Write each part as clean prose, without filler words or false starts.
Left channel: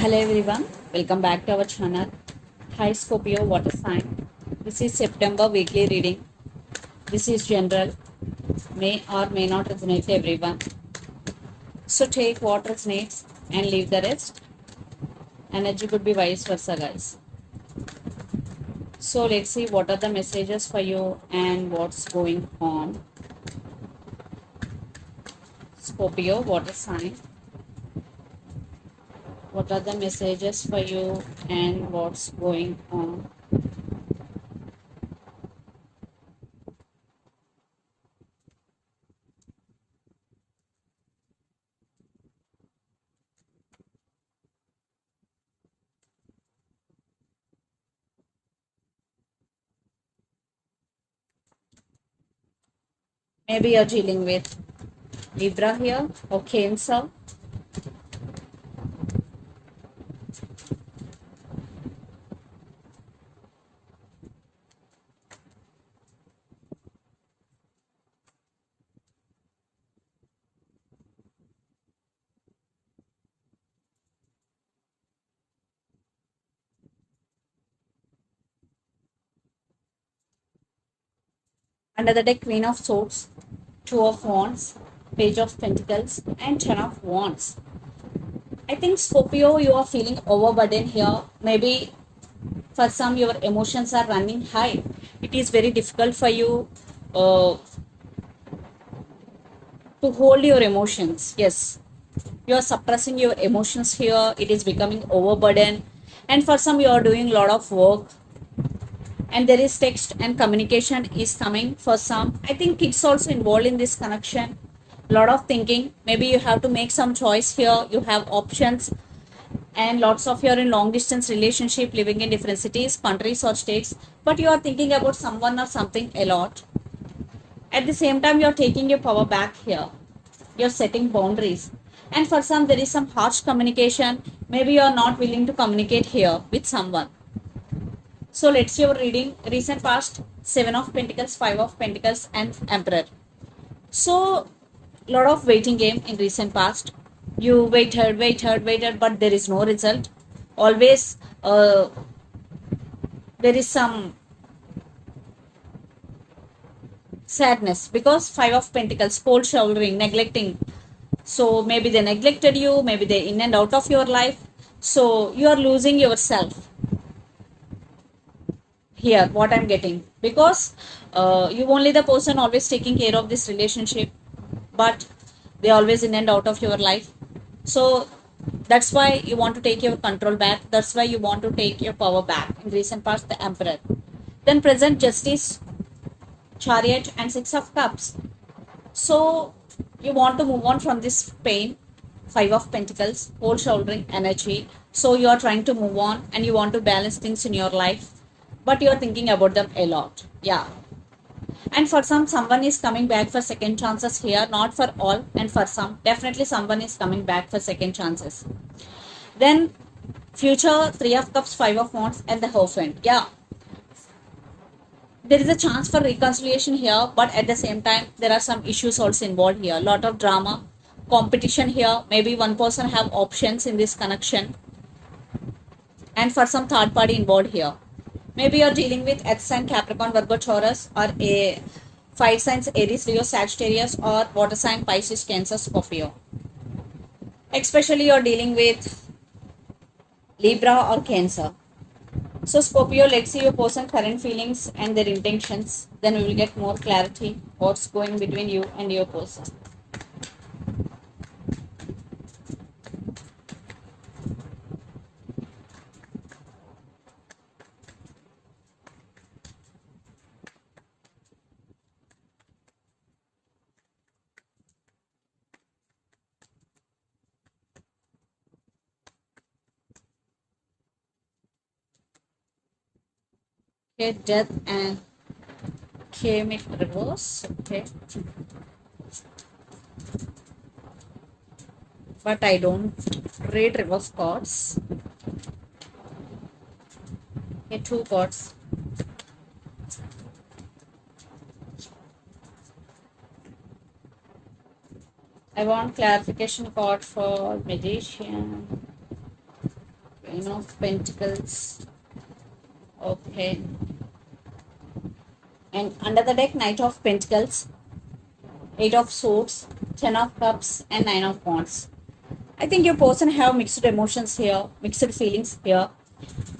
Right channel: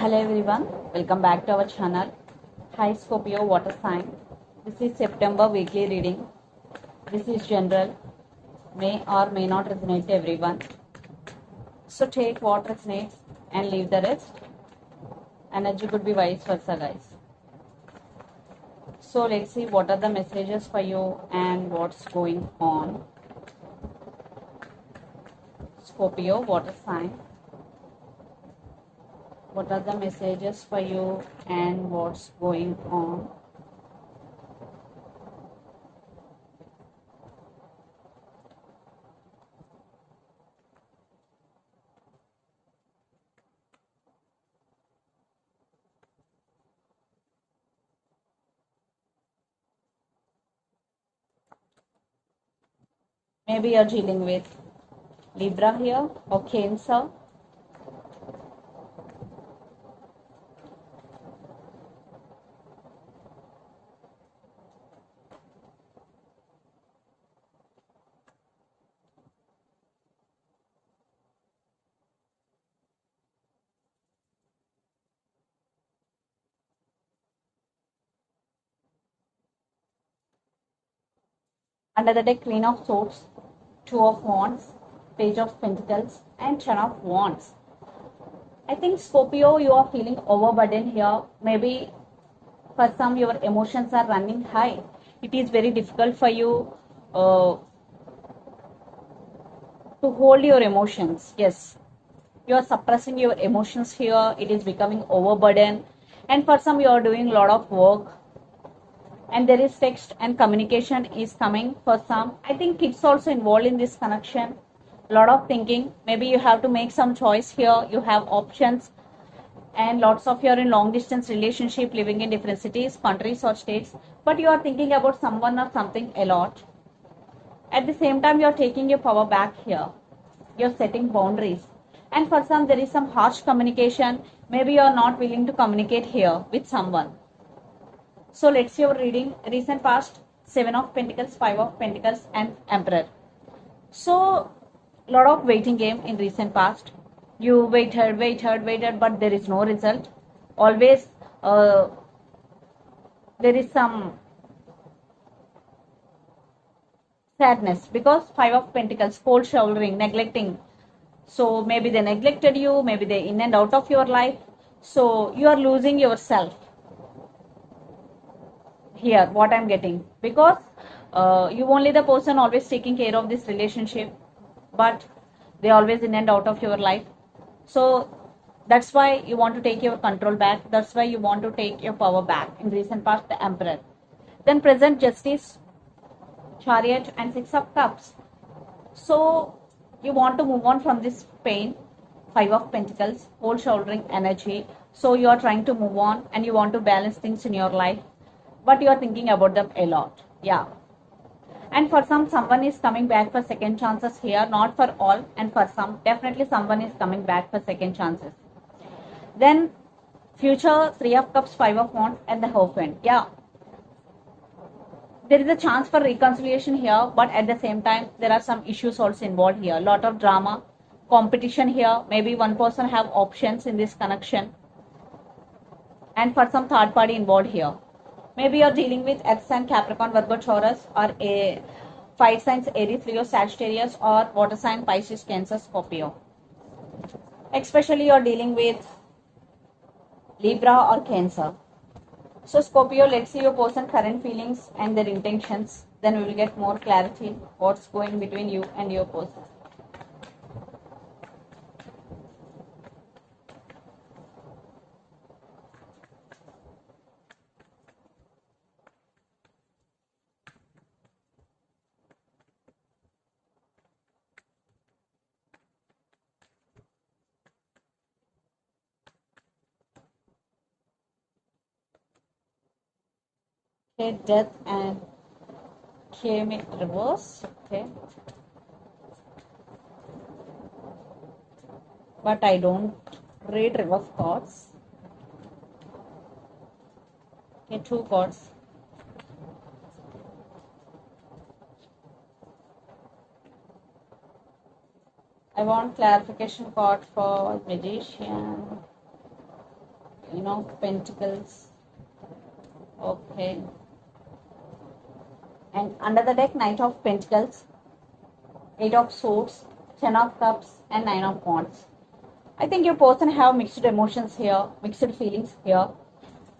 Hello everyone, welcome back to our channel. Hi Scorpio water sign. This is September weekly reading. This is general, may or may not resonate to everyone. So take what resonates and leave the rest. Energy could be vice versa, guys. So let's see what are the messages for you and what's going on. Scorpio water sign. What are the messages for you and what's going on? Maybe you're dealing with Libra here or Cancer. Under the deck, Queen of Swords, Two of Wands, Page of Pentacles, and Ten of Wands. I think Scorpio, you are feeling overburdened here. Maybe for some, your emotions are running high. It is very difficult for you uh, to hold your emotions. Yes, you are suppressing your emotions here. It is becoming overburdened. And for some, you are doing a lot of work and there is text and communication is coming for some. I think kids also involved in this connection. Lot of thinking. Maybe you have to make some choice here. You have options and lots of you are in long distance relationship living in different cities, countries or states, but you are thinking about someone or something a lot. At the same time, you are taking your power back here. You're setting boundaries. And for some, there is some harsh communication. Maybe you are not willing to communicate here with someone. So let's see your reading. Recent past, Seven of Pentacles, Five of Pentacles, and Emperor. So, lot of waiting game in recent past. You waited, but there is no result. Always, there is some sadness because Five of Pentacles, cold shouldering, neglecting. So maybe they neglected you, maybe they in and out of your life. So you are losing yourself here, what I'm getting, because you only the person always taking care of this relationship, but they always in and out of your life. So that's why you want to take your control back, that's why you want to take your power back. In recent past, the Emperor. Then present, Justice, Chariot, and Six of Cups. So you want to move on from this pain. Five of Pentacles, cold shouldering energy. So you are trying to move on and you want to balance things in your life, but you are thinking about them a lot. Yeah. And for some, someone is coming back for second chances here, not for all. And for some, definitely someone is coming back for second chances. Then future, Three of Cups, Five of Wands, and the Hierophant. Yeah. There is a chance for reconciliation here, but at the same time, there are some issues also involved here. Lot of drama, competition here. Maybe one person have options in this connection. And for some third party involved here. Maybe you're dealing with Earth sign, Capricorn, Virgo, Taurus, or a fire signs, Aries, Leo, Sagittarius, or water sign, Pisces, Cancer, Scorpio. Especially you're dealing with Libra or Cancer. So Scorpio, let's see your person current feelings and their intentions. Then we will get more clarity what's going between you and your person. Okay, death and came in reverse. Okay, but I don't read reverse cards. Okay, two cards. I want clarification card for Magician. Queen of Pentacles. Okay. And under the deck, Knight of Pentacles, Eight of Swords, Ten of Cups, and Nine of Wands. I think your person have mixed emotions here, mixed feelings here.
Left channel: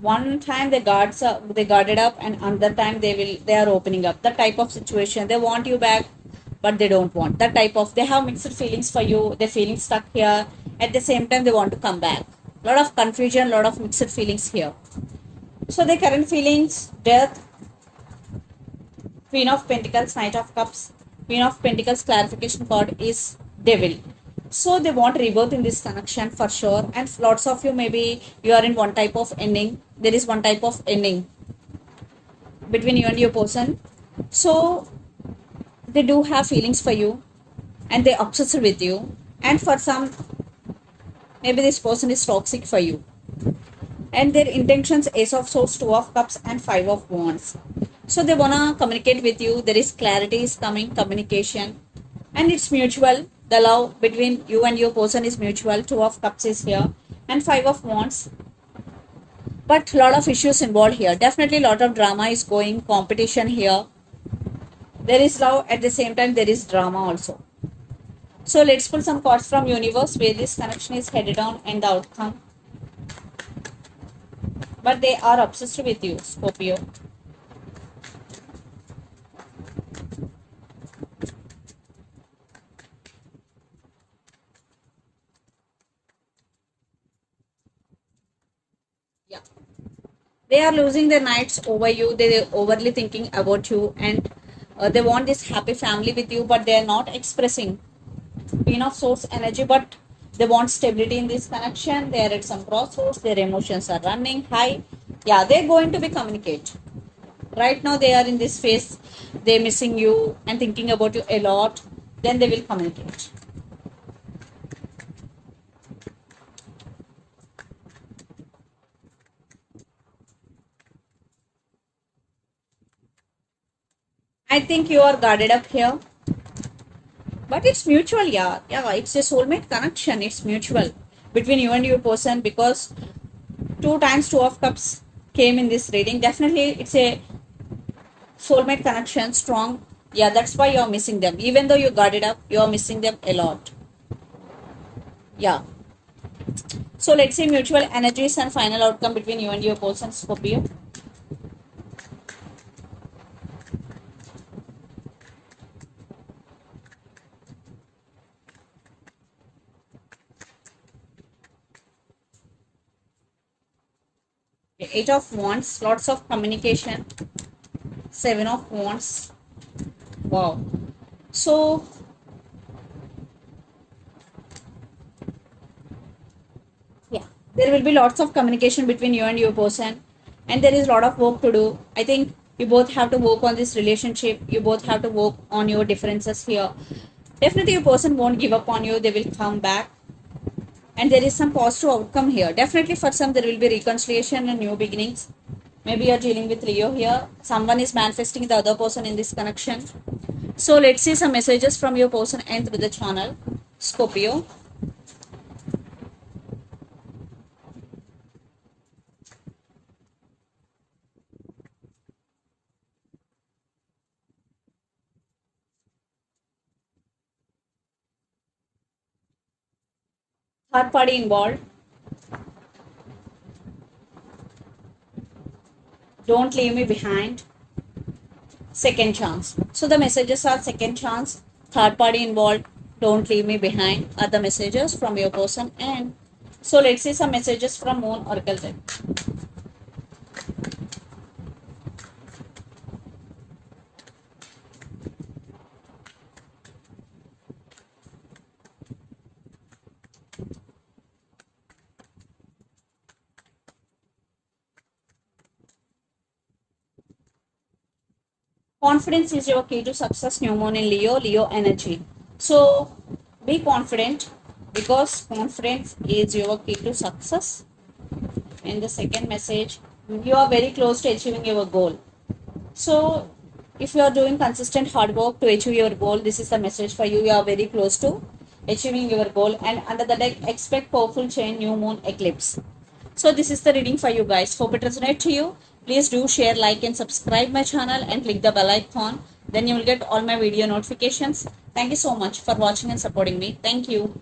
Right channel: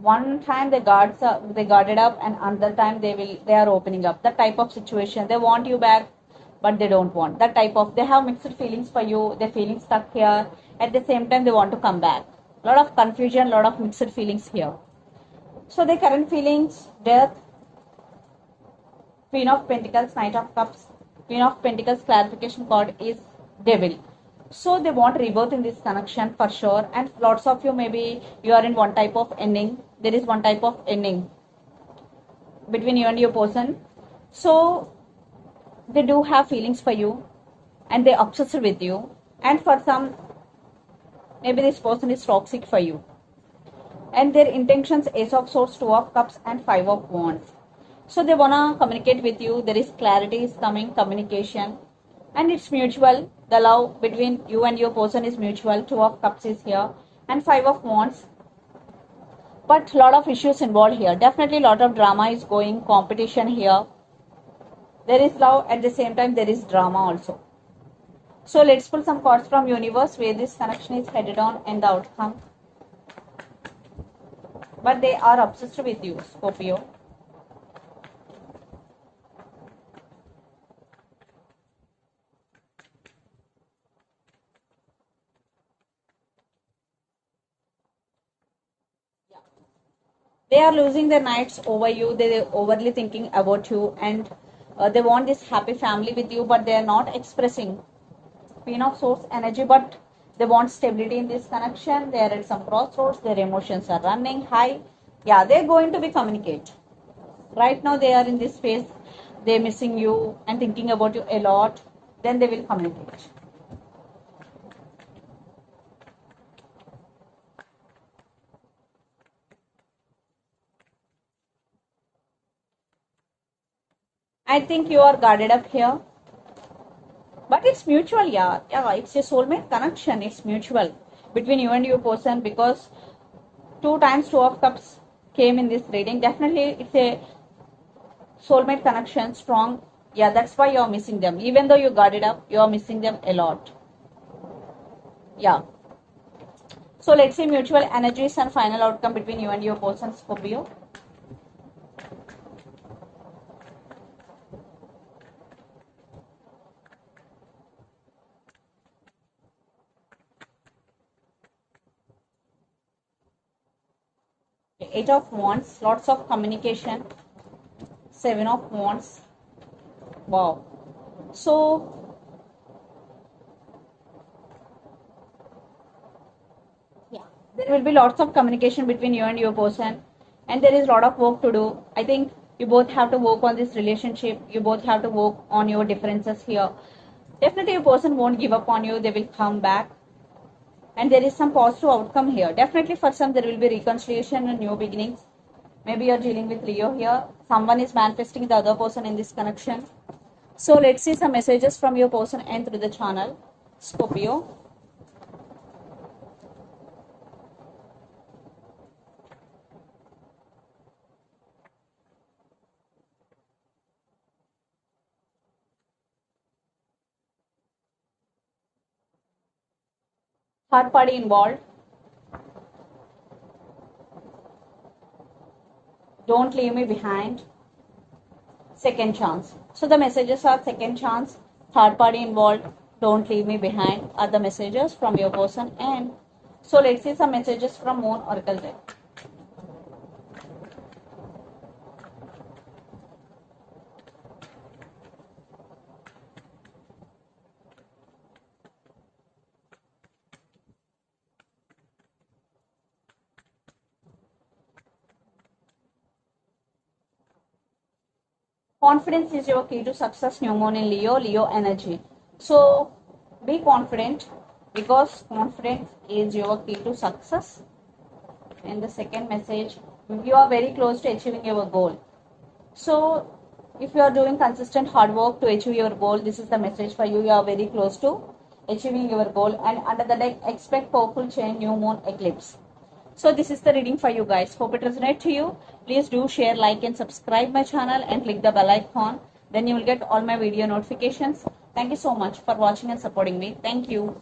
One time they guarded up, and another time they are opening up. That type of situation. They want you back, but they don't want. That type of, they have mixed feelings for you. They're feeling stuck here. At the same time, they want to come back. Lot of confusion, lot of mixed feelings here. So the current feelings: death, Queen of Pentacles, Knight of Cups. Queen of Pentacles clarification card is Devil. So they want rebirth in this connection for sure. And lots of you, maybe you are in one type of ending. There is one type of ending between you and your person. So they do have feelings for you, and they obsessed with you. And for some, maybe this person is toxic for you. And their intentions: Ace of Swords, Two of Cups, and Five of Wands. So they wanna communicate with you. There is clarity is coming, communication, and it's mutual. The love between you and your person is mutual. Two of Cups is here, and Five of Wands. But lot of issues involved here. Definitely lot of drama is going, competition here. There is love, at the same time there is drama also. So let's pull some cards from universe where this connection is headed on and the outcome. But they are obsessed with you, Scorpio. Yeah. They are losing their nights over you. They're overly thinking about you, and they want this happy family with you, but they are not expressing. Queen of Swords energy, but they want stability in this connection. They are at some crossroads. Their emotions are running high. Yeah, they're going to be communicate. Right now they are in this phase. They're missing you and thinking about you a lot. Then they will communicate. I think you are guarded up here. But it's mutual, yeah. Yeah, it's a soulmate connection. It's mutual between you and your person, because two times Two of Cups came in this reading. Definitely it's a soulmate connection, strong. Yeah, that's why you're missing them. Even though you guarded up, you're missing them a lot. Yeah. So let's see mutual energies and final outcome between you and your person, Scorpio. Eight of Wands, lots of communication. Seven of Wands. Wow. So yeah, there will be lots of communication between you and your person, and there is a lot of work to do. I think you both have to work on this relationship. You both have to work on your differences here. Definitely your person won't give up on you. They will come back, and there is some positive outcome here. Definitely for some there will be reconciliation and new beginnings. Maybe you're dealing with Leo here. Someone is manifesting the other person in this connection. So let's see some messages from your person and through the channel, Scorpio. Third party involved. Don't leave me behind. Second chance. So the messages are second chance, third party involved, don't leave me behind are the messages from your person. And so let's see some messages from Moon Oracle deck. Confidence is your key to success. New moon in Leo, Leo energy. So be confident, because confidence is your key to success. And the second message, you are very close to achieving your goal. So if you are doing consistent hard work to achieve your goal, this is the message for you. You are very close to achieving your goal. And under the deck, expect powerful change, new moon eclipse. So this is the reading for you guys. Hope it resonates to you. Please do share, like and subscribe my channel and click the bell icon. Then you will get all my video notifications. Thank you so much for watching and supporting me. Thank you.